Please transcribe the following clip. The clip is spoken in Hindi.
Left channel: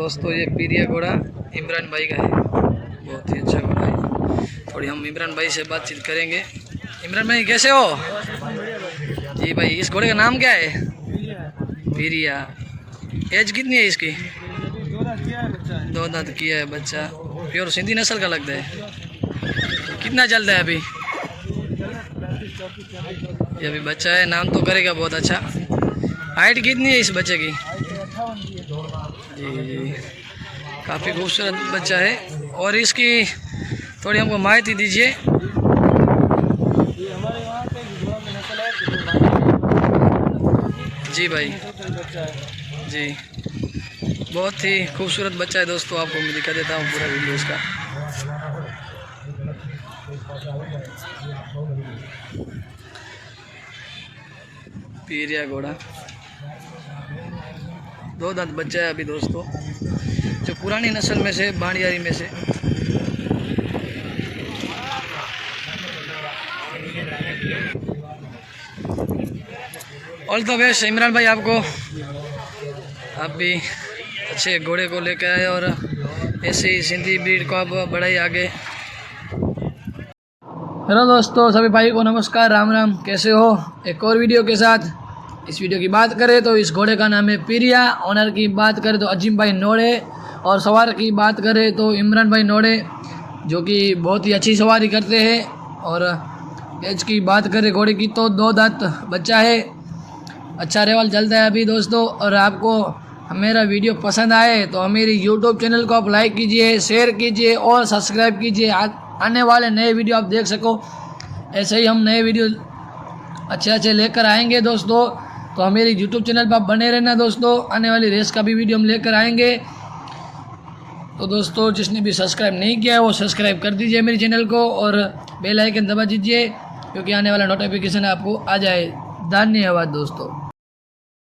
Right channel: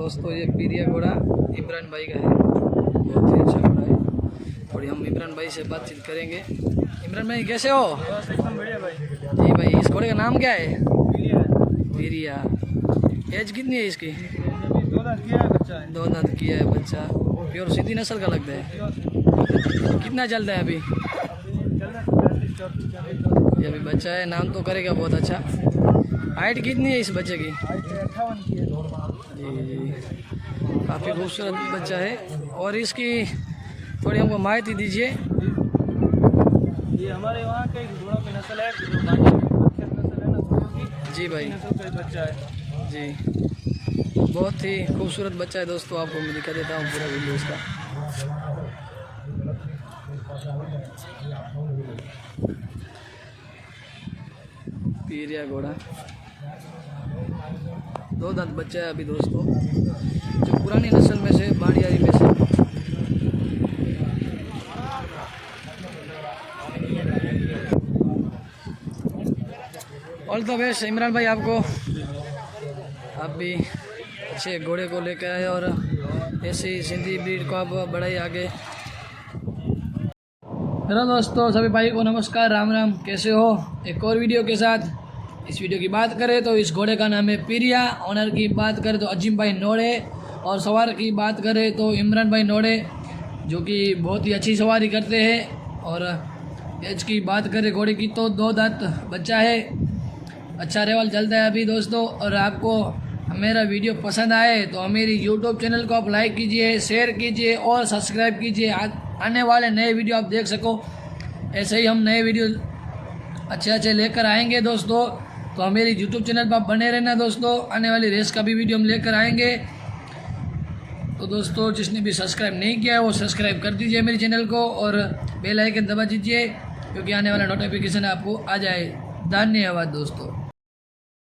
दोस्तों ये पीरिया घोड़ा इमरान भाई का है, बहुत ही अच्छा घोड़ा है। थोड़ी हम इमरान भाई से बातचीत करेंगे। इमरान भाई कैसे हो? जी भाई, इस घोड़े का नाम क्या है? पीरिया। एज कितनी है इसकी? 2 दांत किया है बच्चा। प्योर सिंधी नस्ल का लगता है। कितना चलता है अभी? ये अभी बच्चा है, नाम तो करेगा बहुत अच्छा। हाइट कितनी है इस बच्चे की? जी, काफ़ी खूबसूरत बच्चा है। और इसकी थोड़ी हमको माहिती दीजिए। हमारे वहाँ का घोड़ा की नस्ल है। जी भाई, जी बहुत ही खूबसूरत बच्चा है दोस्तों। आपको मैं दिखा देता हूँ पूरा वीडियो इसका। पीरिया घोड़ा 2 दांत बच्चा है अभी दोस्तों, जो पुरानी नस्ल में से, बाड़ियारी में से। ऑल द बेस्ट इमरान भाई आपको। आप भी अच्छे घोड़े को लेकर आए और ऐसे ही सिंधी ब्रीड को आप बढ़ाइए आगे। हेलो दोस्तों, सभी भाई को नमस्कार, राम राम। कैसे हो? एक और वीडियो के साथ। इस वीडियो की बात करें तो इस घोड़े का नाम है पीरिया। ऑनर की बात करें तो अजीम भाई नोड़े, और सवार की बात करें तो इमरान भाई नोड़े, जो कि बहुत ही अच्छी सवारी करते हैं। और एज की बात करें घोड़े की तो 2 दांत बच्चा है, अच्छा रेवल चलता है अभी दोस्तों। और आपको मेरा वीडियो पसंद आए तो मेरी यूट्यूब चैनल को आप लाइक कीजिए, शेयर कीजिए और सब्सक्राइब कीजिए। आने वाले नए वीडियो आप देख सको। ऐसे ही हम नए वीडियो अच्छे लेकर आएंगे दोस्तों, तो मेरी यूट्यूब चैनल पर आप बने रहना दोस्तों। आने वाली रेस का भी वीडियो हम लेकर आएंगे। तो दोस्तों, जिसने भी सब्सक्राइब नहीं किया है वो सब्सक्राइब कर दीजिए मेरे चैनल को, और बेल आइकन दबा दीजिए, क्योंकि आने वाला नोटिफिकेशन आपको आ जाए। धन्यवाद दोस्तों।